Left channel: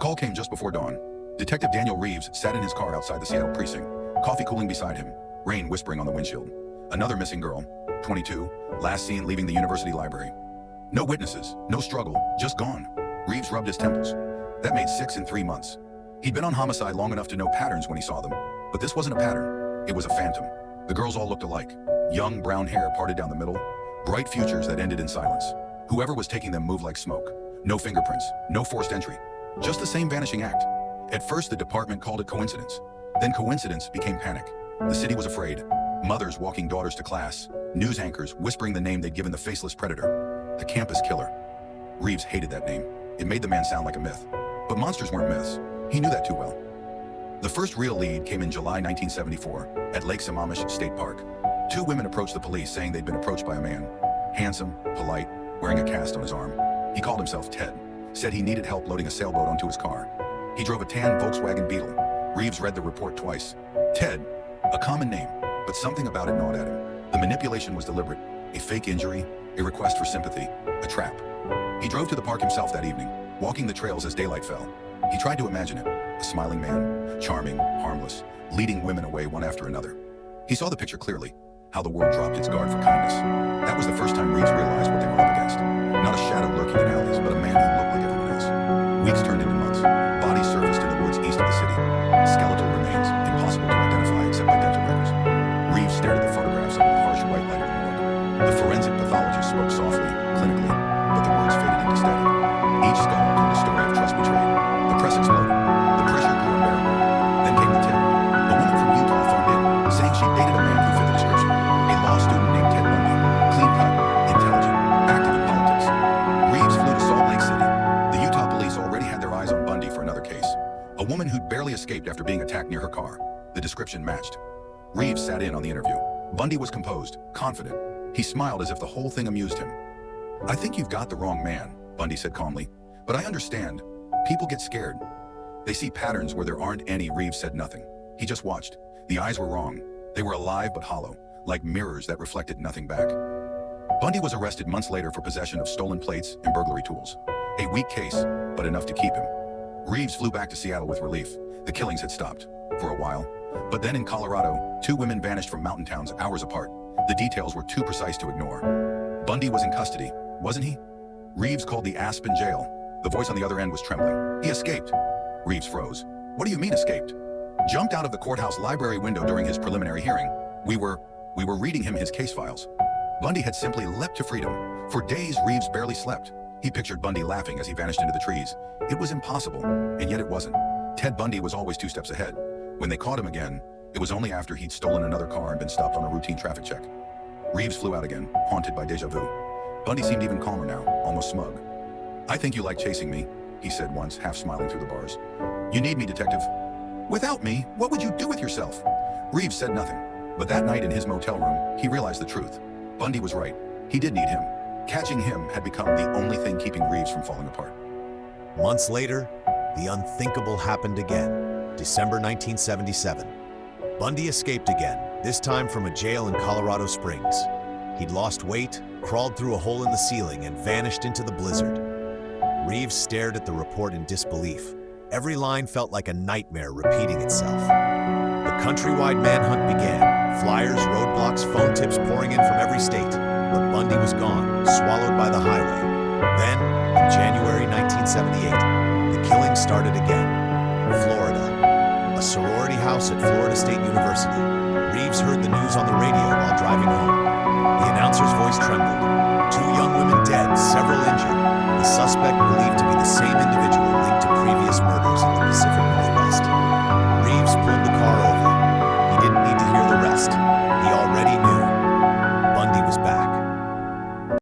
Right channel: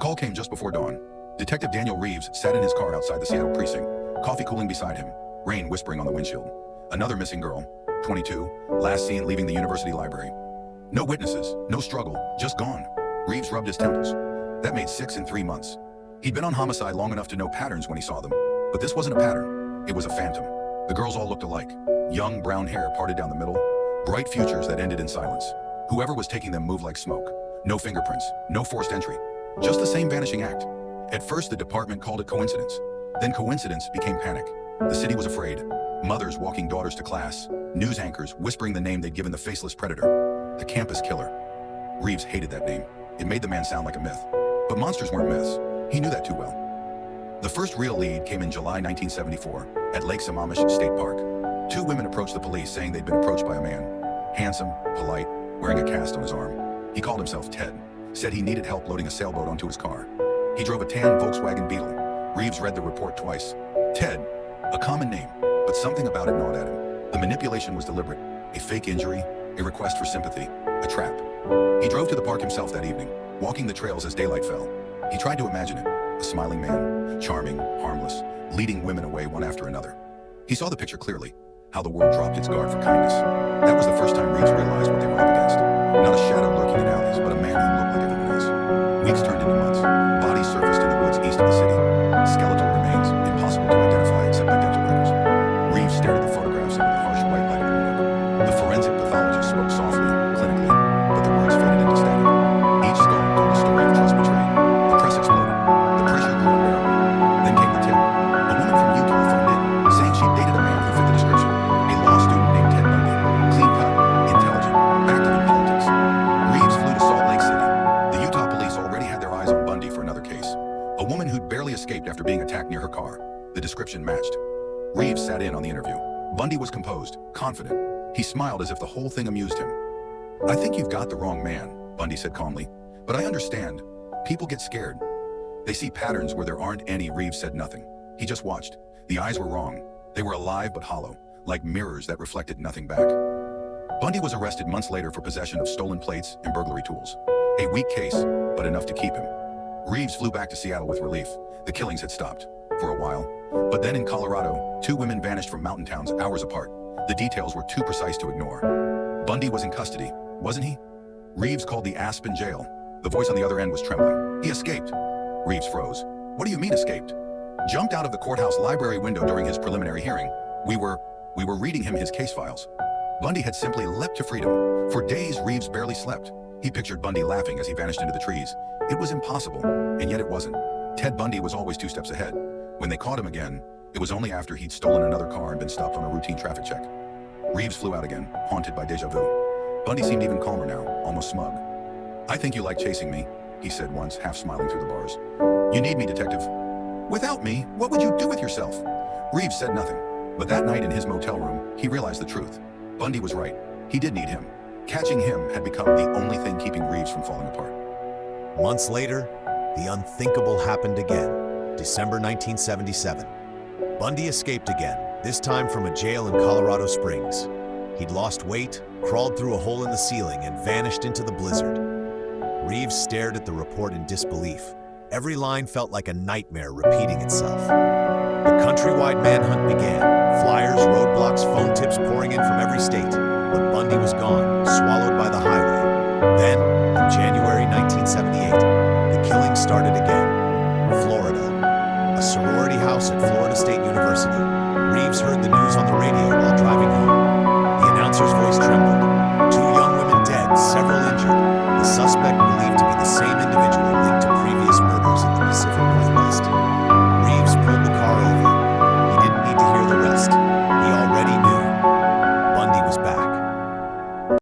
call came just before dawn. Detective Daniel Reeves sat in his car outside the Seattle precinct, coffee cooling beside him, rain whispering on the windshield. Another missing girl, 22, last seen leaving the university library. No witnesses, no struggle, just gone. Reeves rubbed his temples. That made 6 in 3 months. He'd been on homicide long enough to know patterns when he saw them. But this wasn't a pattern. It was a phantom. The girls all looked alike. Young brown hair parted down the middle. Bright futures that ended in silence. Whoever was taking them moved like smoke. No fingerprints, no forced entry. Just the same vanishing act. At first, the department called it coincidence. Then coincidence became panic. The city was afraid. Mothers walking daughters to class. News anchors whispering the name they'd given the faceless predator. The campus killer. Reeves hated that name. It made the man sound like a myth. But monsters weren't myths. He knew that too well. The first real lead came in July 1974 at Lake Sammamish State Park. 2 women approached the police saying they'd been approached by a man. Handsome, polite, wearing a cast on his arm. He called himself Ted. Said he needed help loading a sailboat onto his car. He drove a tan Volkswagen Beetle. Reeves read the report twice. Ted, a common name, but something about it gnawed at him. The manipulation was deliberate. A fake injury, a request for sympathy, a trap. He drove to the park himself that evening, walking the trails as daylight fell. He tried to imagine it. A smiling man, charming, harmless, leading women away one after another. He saw the picture clearly, how the world dropped its guard for kindness. That was the first time Reeves realized what they were up against. Not a shadow lurking in alleys, but a man who looked like everyone else. Weeks turned into months. Bodies surfaced in the woods east of the city. Skeletal remains, impossible to identify except by dental records. Reeves stared at the photographs under the harsh white light of the morgue. The forensic pathologist spoke softly, clinically, but the words faded into static. Each skull told a story of trust betrayed. The press exploded. The pressure grew unbearable. Then came the tip. A woman from Utah phoned in, saying she'd dated a man who fit the description. A law student named Ted Bundy. Clean-cut, intelligent, active in politics. Reeves flew to Salt Lake City. The Utah police already had their eyes on Bundy for another case. A woman who'd barely escaped after being attacked near her car. The description matched. Reeves sat in on the interview. Bundy was composed, confident. He smiled as if the whole thing amused him. "I think you've got the wrong man," Bundy said calmly. "But I understand. People get scared. They see patterns where there aren't any." Reeves said nothing. He just watched. The eyes were wrong. They were alive but hollow, like mirrors that reflected nothing back. Bundy was arrested months later for possession of stolen plates and burglary tools. A weak case, but enough to keep him. Reeves flew back to Seattle with relief. The killings had stopped, for a while. But then in Colorado, 2 women vanished from mountain towns hours apart. The details were too precise to ignore. Bundy was in custody, wasn't he? Reeves called the Aspen jail. The voice on the other end was trembling. He escaped. Reeves froze. "What do you mean escaped?" "Jumped out of the courthouse library window during his preliminary hearing. We were reading him his case files." Bundy had simply leapt to freedom. For days, Reeves barely slept. He pictured Bundy laughing as he vanished into the trees. It was impossible, and yet it wasn't. Ted Bundy was always 2 steps ahead. When they caught him again, it was only after he'd stolen another car and been stopped on a routine traffic check. Reeves flew out again, haunted by déjà vu. Bundy seemed even calmer now, almost smug. "I think you like chasing me," he said once, half smiling through the bars. "You need me, detective." "Without me, what would you do with yourself?" Reeves said nothing. But that night in his motel room, he realized the truth. Bundy was right. He did need him. Catching him had become the only thing keeping Reeves from falling apart. Months later, the unthinkable happened again. December 1977. Bundy escaped again, this time from a jail in Colorado Springs. He'd lost weight, crawled through a hole in the ceiling, and vanished into the blizzard. Reeves stared at the report in disbelief. Every line felt like a nightmare repeating itself. The countrywide manhunt began. Flyers, roadblocks, phone tips pouring in from every state. But Bundy was gone, swallowed by the highway. Then, in January 1978, the killing started again. Florida. A sorority house at Florida State University. Reeves heard the news on the radio while driving home. The announcer's voice trembled. 2 young women dead, several injured. The suspect believed to be the same individual